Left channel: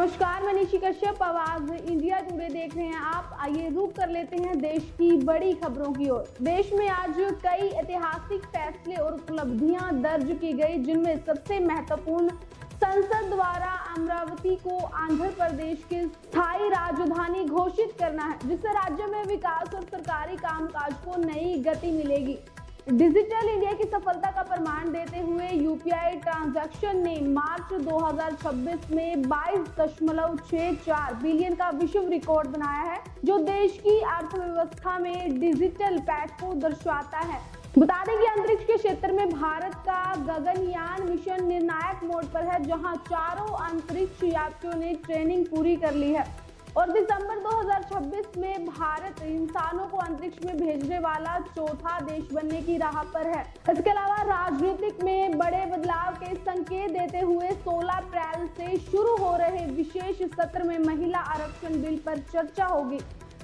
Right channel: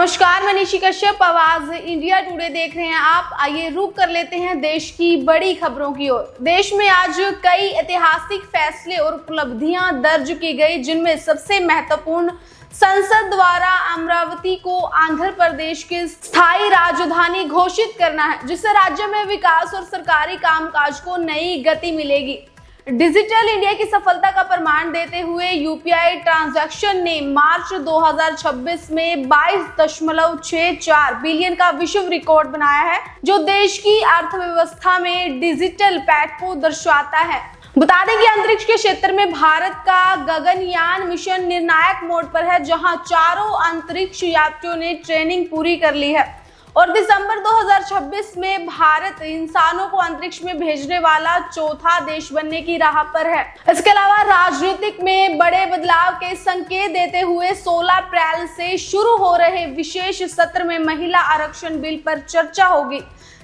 नमस्कार, मैं निशी कश्यप, आवाज इंडिया टुडे देख रहे हैं आप। आइए रुक कर लेते हैं देश की बड़ी खबरों की ओर। देश में आज कई ऐतिहासिक फैसले और उपलब्धियां दर्ज की गई, जिनमें सबसे महत्वपूर्ण संसद द्वारा अमरावती को आंध्र प्रदेश की स्थायी राजधानी घोषित करना है, जिससे राज्य में विकास और सरकारी कामकाज को नई गति मिलेगी। डिजिटल इंडिया की सफलता का प्रमाण देते हुए यूपीआई ट्रांजैक्शन ने मार्च 2026 में 22.64 बिलियन का विश्व रिकॉर्ड बनाया है, जो देश की अर्थव्यवस्था में डिजिटल पैठ को दर्शाता है। बता दें कि अंतरिक्ष के क्षेत्र में भारत का गगनयान मिशन निर्णायक मोड पर है, जहां चारों अंतरिक्ष यात्रियों ने ट्रेनिंग पूरी कर ली है और दिसंबर 2026 में भारत इंसानों को अंतरिक्ष में भेजने वाला चौथा देश बनने की राह पर है। इसके अलावा राजनीतिक में बड़े बदलाव के संकेत देते हुए 16 अप्रैल से शुरू हो रहे विशेष सत्र में महिला आरक्षण बिल पर चर्चा होगी,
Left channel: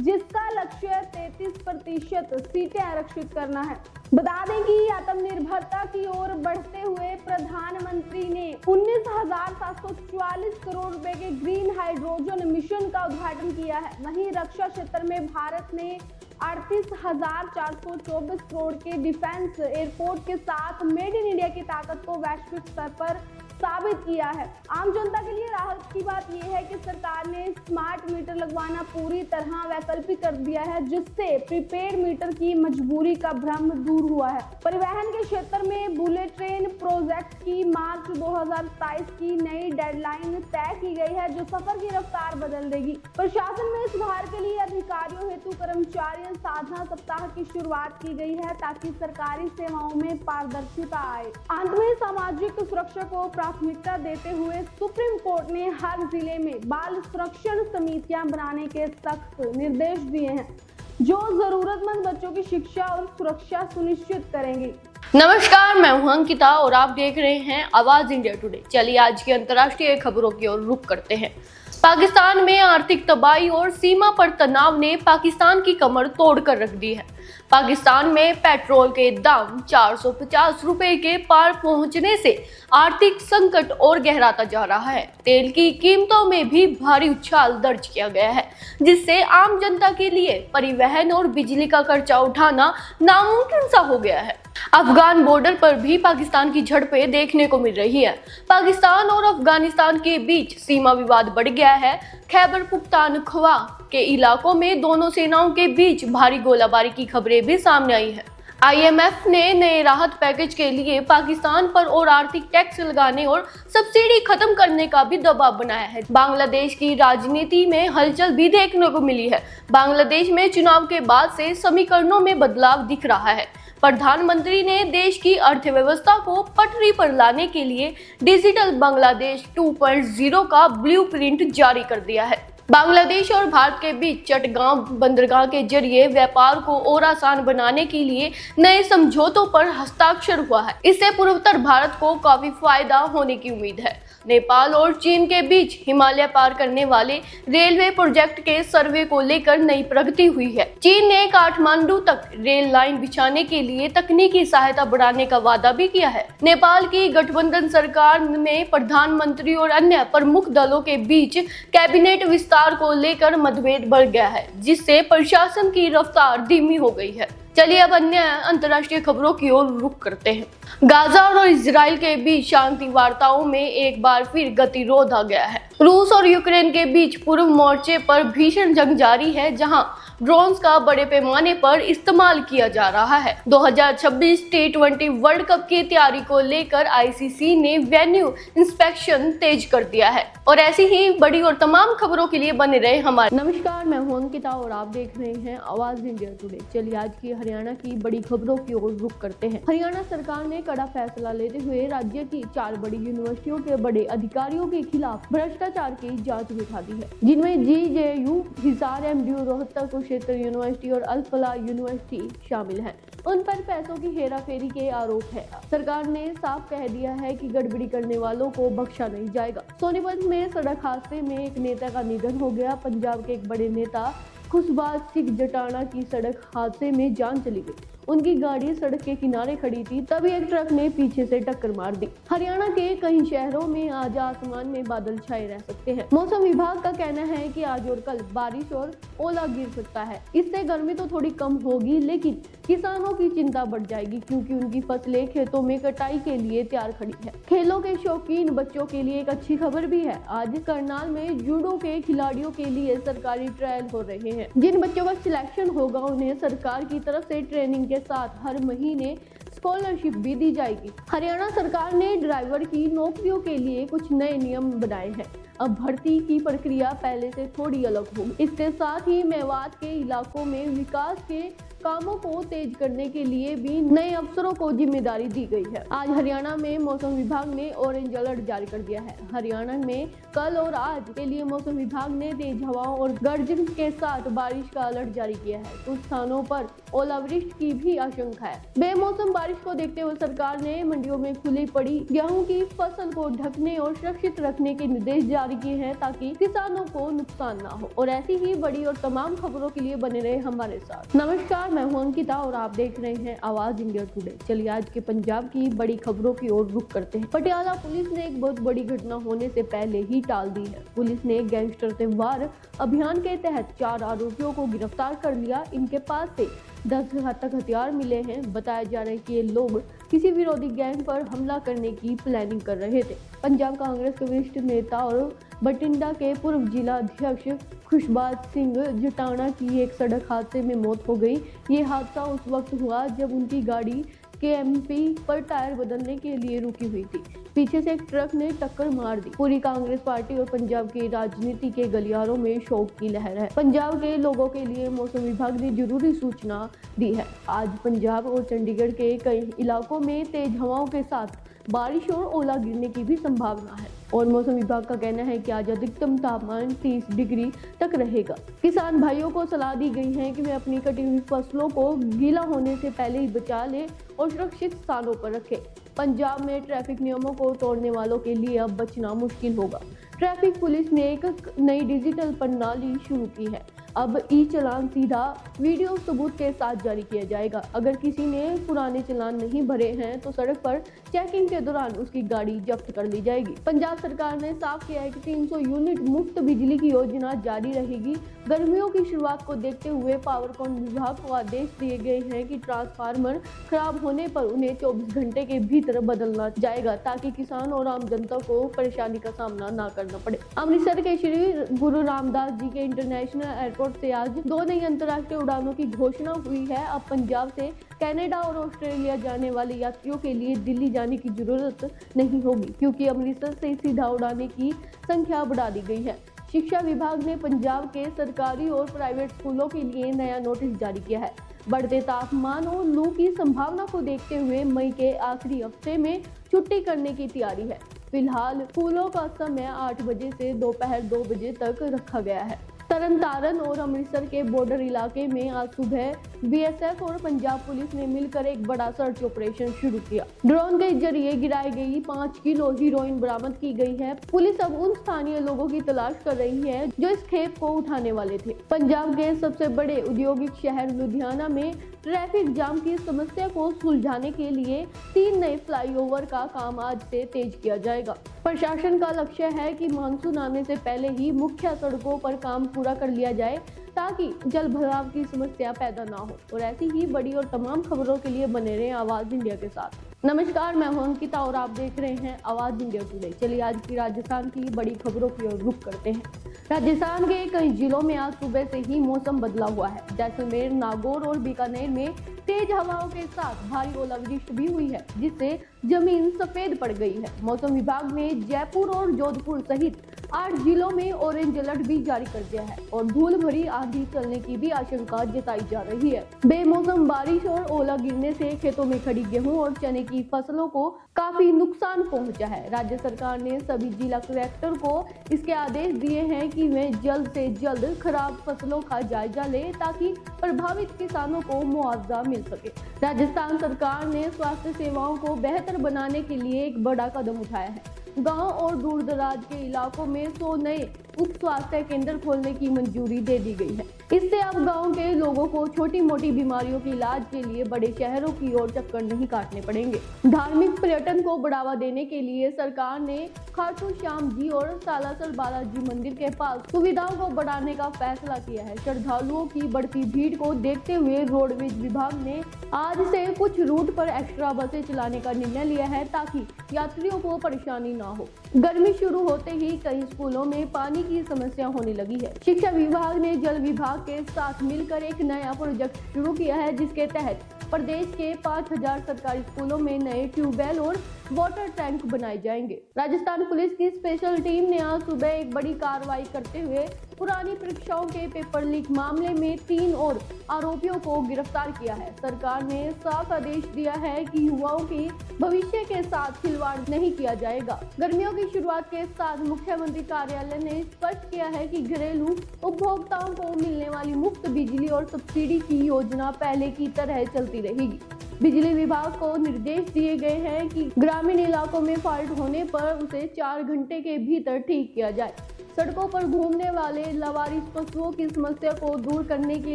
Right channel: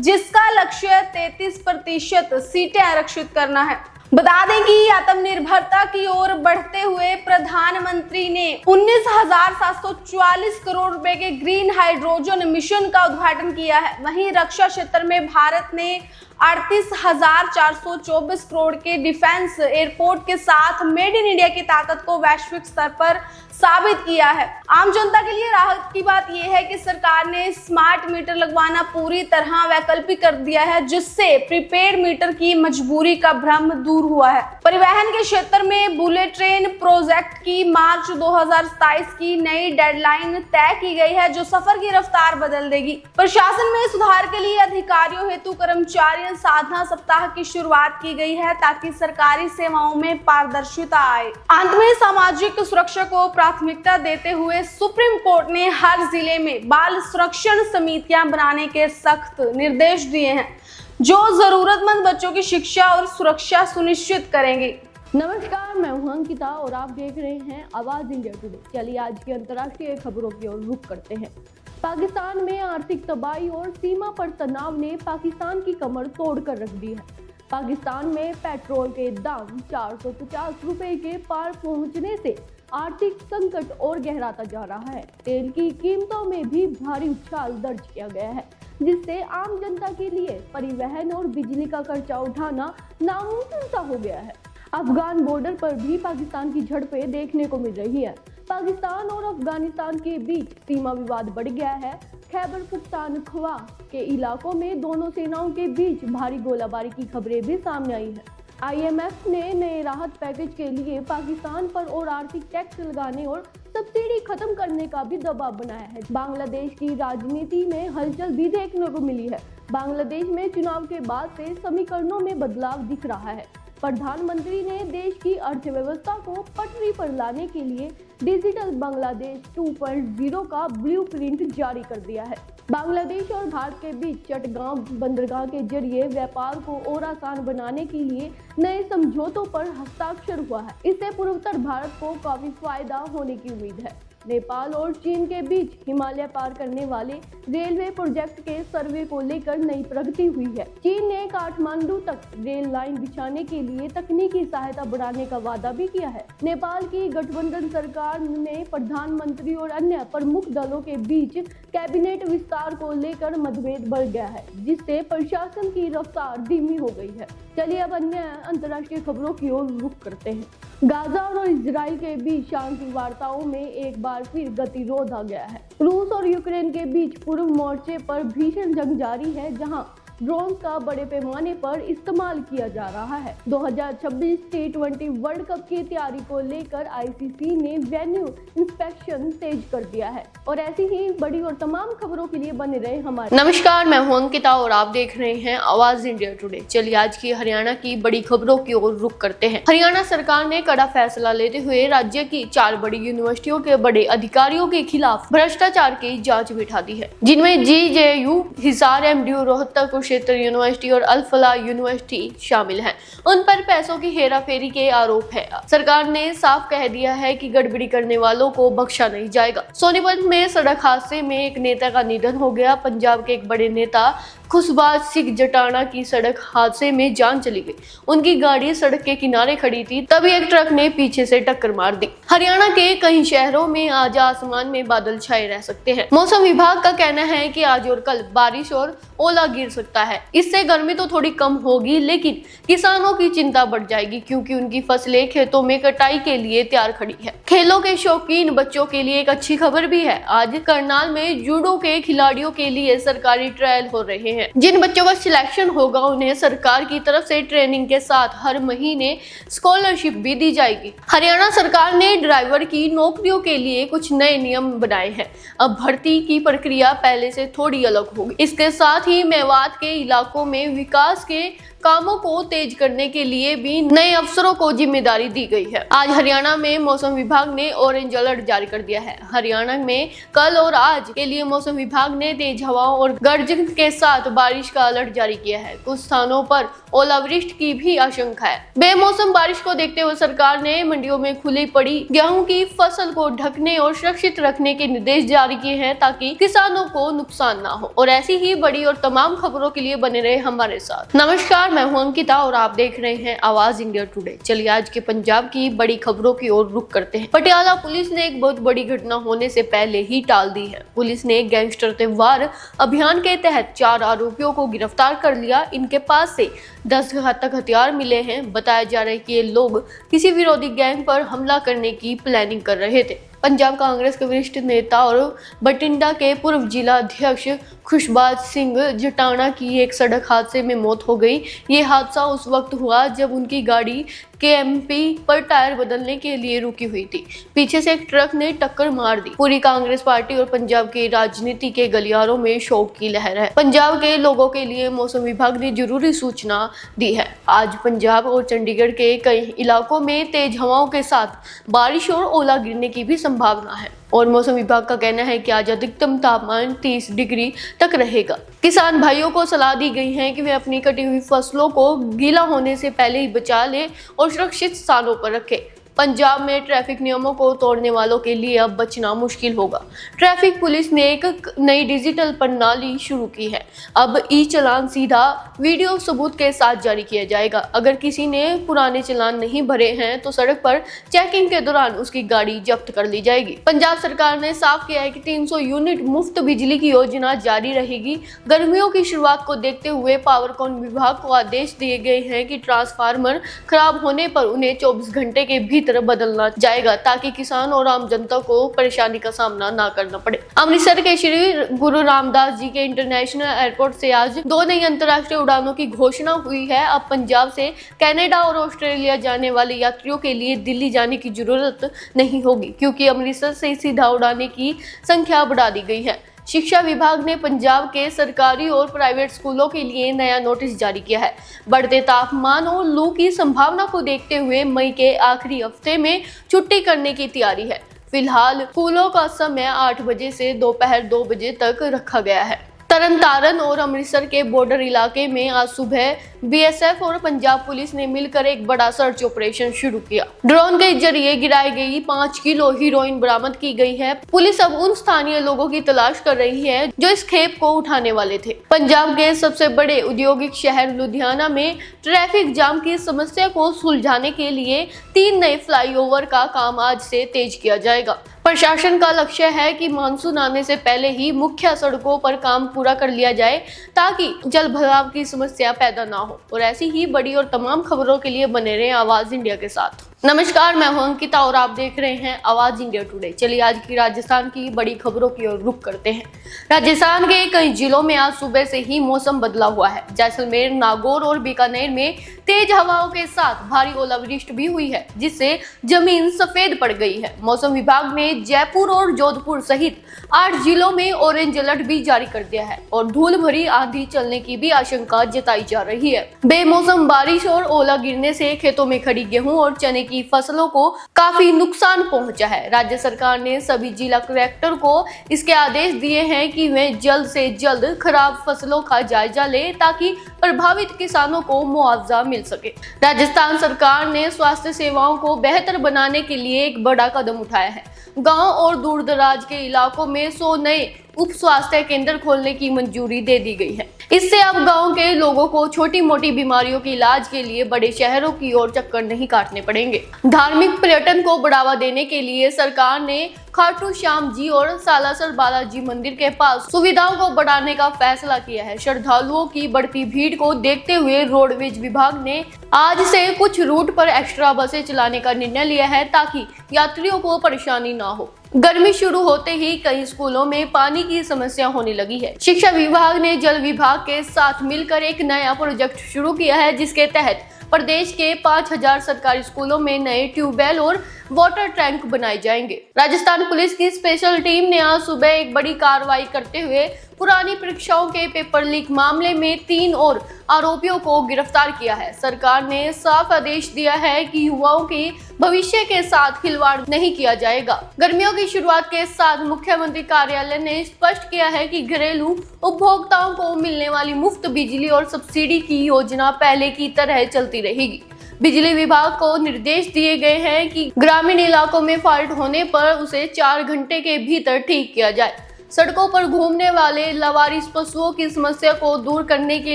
जिसका लक्ष्य 33% सीटें आरक्षित करना है। बता दें कि आत्मनिर्भरता की ओर बढ़ते हुए प्रधानमंत्री ने 19,744 करोड़ रुपए के ग्रीन हाइड्रोजन मिशन का उद्घाटन किया है। वहीं रक्षा क्षेत्र में भारत ने 38,424 करोड़ के डिफेंस एयरपोर्ट के साथ मेड इन इंडिया की ताकत को वैश्विक स्तर पर साबित किया है। आम जनता के लिए राहत की बात यह है कि सरकार ने स्मार्ट मीटर लगवाना पूरी तरह वैकल्पिक कर दिया है, जिससे प्रीपेड मीटर की मजबूरी का भ्रम दूर हुआ है। परिवहन के क्षेत्र में बुलेट ट्रेन प्रोजेक्ट की मार्च 2027 की नई डेडलाइन तय की गई है, जो सफर की रफ्तार बदल देगी। प्रशासन में सुधार के लिए अधिकारियों हेतु कर्मचारी साधना सप्ताह की शुरुआत की गई है, ताकि सरकारी सेवाओं में पारदर्शिता आए। अंत में सामाजिक सुरक्षा को प्राथमिकता देते हुए सुप्रीम कोर्ट ने हर जिले में बाल संरक्षण समितियां बनाने के सख्त निर्देश दिए हैं, जो जरूरतमंद बच्चों की शिक्षा और सुरक्षा सुनिश्चित करेंगे। नमस्कार, मैं हूं अंकिता और आप देख रहे हैं आवाज इंडिया टुडे। चलिए आज की अंतर्राष्ट्रीय खबरों की ओर रुख करते हैं। पाकिस्तान में आर्थिक तबाही और सीमा पर तनाव ने पाकिस्तान की कमर तोड़कर रख दी है। पाकिस्तान में पेट्रोल के दाम 450 रुपए के पार पहुंचने से आर्थिक संकट और गहराता जा रहा है। तेल की कीमतों में भी भारी उछाल दर्ज किया गया है, जिससे आम जनता के लिए परिवहन और बिजली का खर्चा उठाना नामुमकिन सा हो गया है। अफगान बॉर्डर पर भी पाकिस्तान की झड़पें देखने को मिल रही है। पाकिस्तान और अफगानिस्तान के बीच सीमा विवाद बढ़ गया है। खैबर पुख्तनख्वा के इलाकों में दोनों सेनाओं के बीच भारी गोलाबारी की खबरें भी सामने आई है। IMF ने नए राहत पैकेज के लिए पाकिस्तान पर और आर्थिक टैक्स लगाने और सब्सिडी खत्म करने का भी दबाव बनाया है। बांग्लादेश की राजनीति में हलचल भी देखने को मिली है। बांग्लादेश में चुनाव के बाद से समीकरणों में बदलाव दिख रहा है। प्रधानमंत्री ने देश की अर्थव्यवस्था को पटरी पर लाने के लिए डिजिटल बांग्लादेश 2.0 का ब्लूप्रिंट जारी कर दिया है। बांग्लादेश और भारत के बीच चटगांव बंदरगाह के जरिए व्यापार को और आसान बनाने के लिए नए समझौतों पर हस्ताक्षर हुआ है। इससे पूर्वोत्तर भारत को काफी फायदा होने की उम्मीद है। नेपाल और चीन के बीच हिमालय पार करने वाले रेलवे प्रोजेक्ट के सर्वे को लेकर नई प्रगति हुई है। चीन ने काठमांडू तक रेल लाइन बिछाने के लिए तकनीकी सहायता बढ़ाने का वादा भी किया है। नेपाल की गठबंधन सरकार में प्रधानमंत्री और अन्य प्रमुख दलों के बीच कैबिनेट विस्तार को लेकर मतभेद बढ़ गया है, जिससे प्रशासन की रफ्तार धीमी हो गई है। चलिए अब अन्य अंतर्राष्ट्रीय खबरों की ओर रुख करते हैं। गाजा और इजराइल के बीच शांति वार्ताओं में एक बार फिर गतिरोध आ गया है। रूस और यूक्रेन के बीच पूर्व मोर्चे पर भीषण जंग जारी है, जहां ड्रोन्स का बड़े पैमाने पर इस्तेमाल किया जा रहा है। 2026 T20 वर्ल्ड कप की तैयारी को लेकर ICC ने वेन्यू इंस्पेक्शन तेज कर दिया है। और ऐसी ही बड़ी और तमाम खबरों के लिए बने रहे हमारे। नमस्कार, मैं हूं अंकिता और आप देख रहे हैं आवाज इंडिया टुडे। चलिए आज की हरियाणा की बड़ी खबरों की ओर रुख करते हैं। हरियाणा सरकार ने कड़ा फैसला लेते हुए राज्य की 4 बड़ी यूनिवर्सिटियों के बड़े अधिकारियों के खिलाफ भ्रष्टाचार की जांच बिठा दी है, जिनमें GJU, Hisar, MDU, Rohtak Kurukshetra university और अल-फलाह यूनिवर्सिटी शामिल हैं। उन पर पैसों की हेराफेरी के आरोप है। सरकार ने साफ कह दिया है कि गड़बड़ी करने वालों को बख्शा नहीं जाएगा। सोनीपत में सड़क हादसे में एक नेता का निधन हो गया। पंजाब के एक बड़े नेता खुशबाज सिंह जटाना की सड़क हादसे में जान चली गई। उनकी गाड़ी सड़क के किनारे खड़ी थी, तभी एक ट्रक ने पीछे से टक्कर मार दी। हरियाणा के कई शहरों में आज आसमान में बादल छाए रह सकते हैं। मौसम विभाग का कहना है कि आज और कल बारिश और ओला गिर सकता है। इससे गर्मी तो थोड़ी कम होगी, लेकिन किसानों की चिंता बढ़ जाएगी क्योंकि उनकी फसलें खेतों में कटाई के लिए तैयार खड़ी है। खेलों के शौकीन बच्चों के लिए एक अच्छी खबर भी है। आज करनाल में जूडो के खिलाड़ियों के लिए सरकारी ट्रायल हो रहे हैं। जिन बच्चों का सिलेक्शन होगा उन्हें सरकार की तरफ से ट्रेनिंग के साथ हर महीने स्कॉलरशिप भी दी जाएगी। हरियाणा सरकार ने ड्राइवर की नौकरियों के लिए कुछ नए नियम बनाए हैं। अब भर्ती की प्रक्रिया पहले से थोड़ी अलग होगी। इसके साथ ही मेवात के इलाकों में विकास के कामों को तेज करने के लिए भी नए अफसरों को जिम्मेदारी दी गई है। आज हरियाणा में मौसम विभाग ने ऑरेंज अलर्ट जारी कर दिया है। हरियाणा में कल और आज के लिए मौसम विभाग ने तेज हवाओं और गर्जन के साथ बारिश का अलर्ट जारी किया है। कुछ स्थानों पर ओलावृष्टि की भी आशंका है। बेमौसम बारिश को देखते हुए सरकार ने मंडियों में खुली पड़ी गेहूं की फसल को ढकने और सुरक्षित रखने के निर्देश जारी किए हैं ताकि किसानों को नुकसान ना हो। और ऐसी ही बड़ी और तमाम खबरों के लिए बने रहे हमारे साथ। नमस्कार, मैं हूं अंकिता और आप देख रहे हैं आवाज इंडिया टुडे। चलिए आज के पंजाब की बड़ी खबरों की ओर रुख करते हैं। पटियाला पुलिस ने एक बहुत बड़ी घटना होने से पहले ही टाल दी है। पुलिस ने गैंगस्टर त्योहार अभियान के तहत 4 आरोपियों को गिरफ्तार कर लिया। इनके पास से 10 घातक हथियार मिले हैं। बताया जा रहा है कि ये लोग किसी विरोधी गैंग पर हमला करने की प्लानिंग कर रहे थे। पंजाब कांग्रेस के वरिष्ठ नेता और बठिंडा के पूर्व जिला अध्यक्ष खुशबाज सिंह जटाना की एक सड़क हादसे में मौत हो गई। ये हादसा उस वक्त हुआ जब उनकी गाड़ी केएमपी पर टायर बदलने के लिए रुकी हुई थी। पीछे से एक ट्रक ने टक्कर मार दी। पूरी कांग्रेस पार्टी और पंजाब की राजनीति के गलियारों में शोक की लहर है। पंजाब के लोगों के लिए मौसम विभाग ने जरूरी सूचना दी है। आज पंजाब और चंडीगढ़ के कई इलाकों में तेज हवाओं के साथ बारिश और ओला गिरने की भी संभावना है। और मौसम विभाग का कहना है कि आज अधिकतम तापमान 30 डिग्री तक रहेगा। किसान भाइयों को सलाह दी गई है कि वे अपनी कटी हुई फसलों को गीला होने से पहले ही बचा लें और सुरक्षित स्थानों पर रखें। पंजाब में ट्रैफिक नियमों को तोड़ने वालों के लिए अब बचना मुश्किल होगा। ट्रैफिक पुलिस ने एक नई डिजिटल प्रणाली शुरू की है। अब ई चालान सीधा वीडियो सबूत के साथ जारी किया जाएगा। अगर किसी ने पुराने चालान नहीं भरे हैं तो सड़क पर चेकिंग के दौरान उसकी गाड़ी जब्त कर ली जाएगी। पंजाब सरकार ने साफ किया है कि 300 यूनिट मुफ्त बिजली की योजना जारी रहेगी। गर्मियों की शुरुआत को देखते हुए पावरकॉम विभाग को आदेश दिए गए हैं कि ट्रांसफार्मर खराब होने पर उन्हें 24 घंटे के भीतर बदलना जाएगा ताकि किसान और आम जनता को परेशानी का सामना ना करना पड़े। अमृतसर के श्री गुरु रामदास जी के इंटरनेशनल एयरपोर्ट से आज 2 नई अंतर्राष्ट्रीय उड़ानों की घोषणा हुई है। अब पंजाब से कनाडा और ऑस्ट्रेलिया जाने वाले यात्रियों के लिए दिल्ली जाने की जरूरत नहीं होगी क्योंकि अमृतसर से सीधा उड़ाने की संख्या बढ़ा दी गई है। शिक्षा विभाग ने पंजाब के सरकारी और प्राइवेट स्कूलों के लिए नया नोटिस जारी किया है। बढ़ते तापमान और लू की संभावना को देखते हुए मई के आखिरी हफ्ते में छुट्टी करने की तैयारी है। फिलहाल स्कूलों का समय 8 बजे से दोपहर 2 बजे तक रखा गया है। तरनतारन और अमृतसर के बॉर्डर इलाके में आज सुबह बीएसएफ और पंजाब पुलिस ने मिलकर एक बड़ा सर्च ऑपरेशन शुरू किया। ड्रोन के जरिए गिराई गई 5 किलो हीरोइन बरामद की गई है। पुलिस अब उन स्थानीय लोगों की तलाश कर रही है जो इस खेप को उठाने वाले थे। पंजाब के सबसे बड़े औद्योगिक शहर लुधियाना में ट्रैफिक जाम की समस्या को सुलझाने के लिए 3 नए फ्लाईओवर का काम आज से तेज किया जाएगा। प्रशासन का लक्ष्य है कि मानसून आने से पहले ही मुख्य सड़कों पर काम पूरा कर लिया जाए ताकि जल भराव की समस्या पैदा ना हो। और ऐसी ही बड़ी और तमाम खबरों के लिए बने रहें आवाज इंडिया के साथ। नमस्कार, मैं हूं अंकिता और आप देख रहे हैं आवाज इंडिया टुडे। चलिए आज की राजस्थान की बड़ी खबरों की ओर रुख करते हैं। राजस्थान के कई जिलों में आज सुबह से ही मौसम बदला हुआ है। जैसलमेर, नागौर और बीकानेर में तेज हवाओं के साथ भारी ओलावृष्टि भी हुई है जिससे जमीन सफेद पड़ गई है। मौसम विभाग ने जयपुर और जोधपुर सहित 8 जिलों में ऑरेंज अलर्ट भी जारी कर दिया है और धूल भरी आंधी चलने की भी आशंका जताई जा रही है। बेमौसम बारिश और ओला गिरने से खेतों में खड़ी गेहूं और चने की फसलों को काफी नुकसान पहुंचा है। राज्य सरकार ने सभी जिला कलेक्टर को इसके आदेश दिए हैं कि वे जल्द से जल्द खराब फसलों का जायजा लें ताकि प्रभावित किसानों को मुआवजा मिल सके। राजस्थान सरकार ने स्वास्थ्य सेवाओं को बेहतर बनाने के लिए एक बड़ा कदम उठाया है। गांव और दूर दराज के इलाकों में 100 नए उप स्वास्थ्य केंद्र खोलने की मंजूरी दे दी गई है। इससे अब गांव के लोगों को छोटी मोटी बीमारियों के इलाज के लिए बड़े शहरों की ओर चक्कर नहीं काटने पड़ेंगे। धार्मिक पर्यटन को बढ़ावा देने के लिए सरकार ने खाटू श्याम जी और सालासर बालाजी मंदिर के पास सुविधाओं को बढ़ाने का फैसला किया है। श्रद्धालुओं की बढ़ती भीड़ को देखते हुए रोडवेज विभाग ने आज से कुछ रूट पर एक्स्ट्रा बसें चलाने का निर्णय लिया है ताकि यात्रियों को परेशानी ना हो। गर्मी शुरू होते ही कई स्कूलों में पानी की समस्या होने लगी है। शिक्षा विभाग ने जल विभाग के साथ मिलकर एक नया प्रोजेक्ट शुरू किया है, जिसके तहत प्रदेश के 5000 सरकारी स्कूलों में नए ट्यूबवेल और वाटर टैंक बनाए जाएंगे। राजस्थान पुलिस की स्पेशल टीम ने आज सुबह एक बड़ी कार्रवाई करते हुए पुरानी परीक्षाओं के पेपर लीक मामले में 3 और आरोपियों को गिरफ्तार किया है। सरकार ने साफ आदेश दिया है कि युवाओं के भविष्य के साथ खिलवाड़ नहीं किया जाएगा। गर्मियों की शुरुआत के साथ मुख्यमंत्री कार्यालय ने स्पष्ट किया है कि घरेलू उपभोक्ताओं को मिलने वाली मुफ्त बिजली और सब्सिडी की योजना पहले की तरह चलती रहेगी। बिजली विभाग को निर्देश दिए गए हैं कि ग्रामीण इलाकों में फॉल्ट होने पर उसे 4 घंटे के भीतर ठीक किया जाए। सड़कों पर घूमने वाले लावारिस पशुओं की समस्या को दूर करने के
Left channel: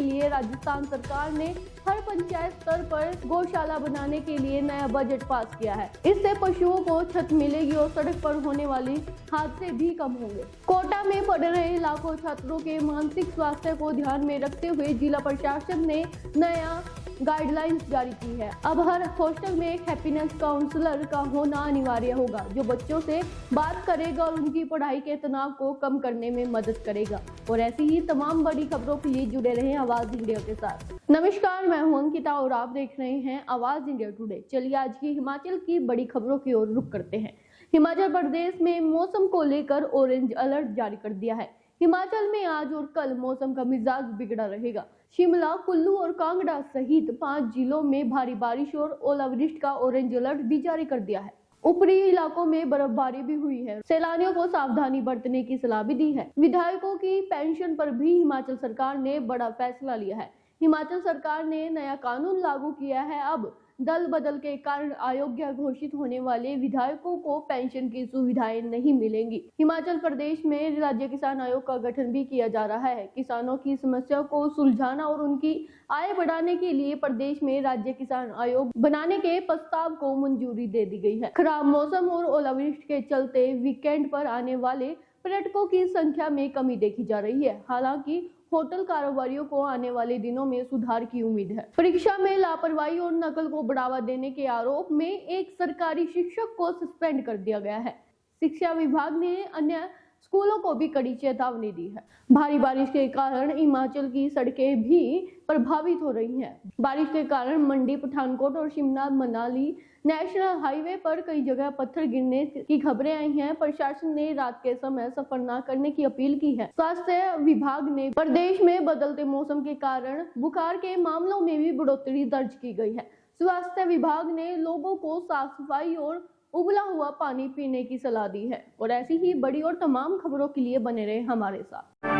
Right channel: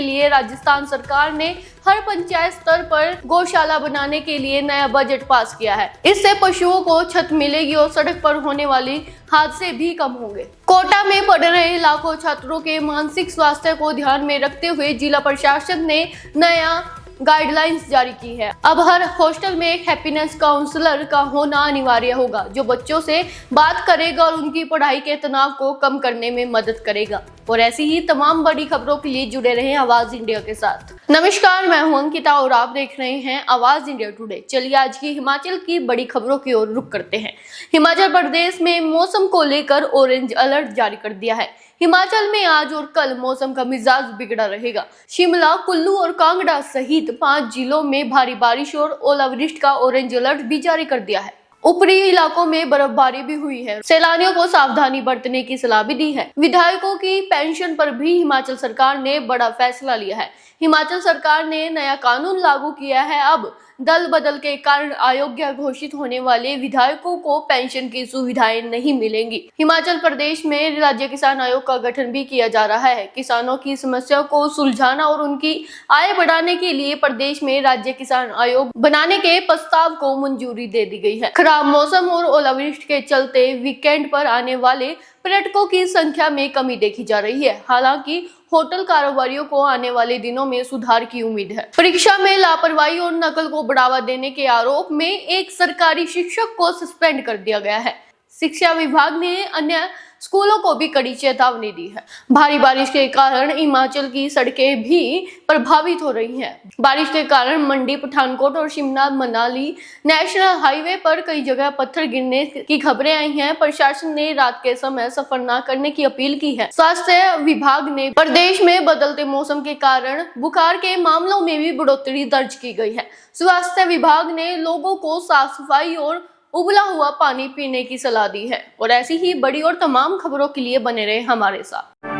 लिए राजस्थान सरकार ने हर पंचायत स्तर पर गौशाला बनाने के लिए नया बजट पास किया है। इससे पशुओं को छत मिलेगी और सड़क पर होने वाली हादसे भी कम होंगे। कोटा में पढ़ रहे लाखों छात्रों के मानसिक स्वास्थ्य को ध्यान में रखते हुए जिला प्रशासन ने नया गाइडलाइंस जारी की है। अब हर हॉस्टल में एक हैप्पीनेस काउंसलर का होना अनिवार्य होगा, जो बच्चों से बात करेगा और उनकी पढ़ाई के तनाव को कम करने में मदद करेगा। और ऐसी ही तमाम बड़ी खबरों के लिए जुड़े रहें आवाज इंडिया के साथ। नमस्कार, मैं हूं अंकिता और आप देख रहे हैं आवाज इंडिया टुडे। चलिए आज की हिमाचल की बड़ी खबरों की ओर रुख करते हैं। हिमाचल प्रदेश में मौसम को लेकर ऑरेंज अलर्ट जारी कर दिया है। हिमाचल में आज और कल मौसम का मिजाज बिगड़ा रहेगा। शिमला, कुल्लू और कांगड़ा सहित 5 जिलों में भारी बारिश और ओलावृष्टि का ऑरेंज अलर्ट भी जारी कर दिया है। ऊपरी इलाकों में बर्फबारी भी हुई है। सैलानियों को सावधानी बरतने की सलाह भी दी है। विधायकों की पेंशन पर भी हिमाचल सरकार ने बड़ा फैसला लिया है। हिमाचल सरकार ने नया कानून लागू किया है। अब दल बदल के कारण अयोग्य घोषित होने वाले विधायकों को पेंशन की सुविधाएं नहीं मिलेंगी। हिमाचल प्रदेश में राज्य किसान आयोग का गठन भी किया जा रहा है। किसानों की समस्या को सुलझाना और उनकी आय बढ़ाने के लिए प्रदेश में राज्य किसान आयोग बनाने के प्रस्ताव को मंजूरी दे दी गई है। खराब मौसम और ओलावृष्टि के चलते वीकेंड पर आने वाले पर्यटकों की संख्या में कमी देखी जा रही है। हालांकि होटल कारोबारियों को आने वाले दिनों में सुधार की उम्मीद है। परीक्षा में लापरवाही और नकल को बढ़ावा देने के आरोप में एक सरकारी शिक्षक को सस्पेंड कर दिया गया है। शिक्षा विभाग ने अन्य स्कूलों को भी कड़ी चेतावनी दी है। भारी बारिश के कारण हिमाचल की सड़कें भी प्रभावित हो रही हैं। बारिश के कारण मंडी, पठानकोट और शिमला मनाली नेशनल हाईवे पर कई जगह पत्थर गिरने की खबरें आई हैं। प्रशासन ने रात के समय सफर न करने की अपील की है। स्वास्थ्य विभाग ने प्रदेश में बदलते मौसम के कारण बुखार के मामलों में भी बढ़ोतरी दर्ज की गई है। स्वास्थ्य विभाग ने लोगों को साफ सफाई और उबला हुआ पानी पीने की सलाह दी है। और ऐसी ही बड़ी और तमाम खबरों के लिए बने रहे हमारे साथ।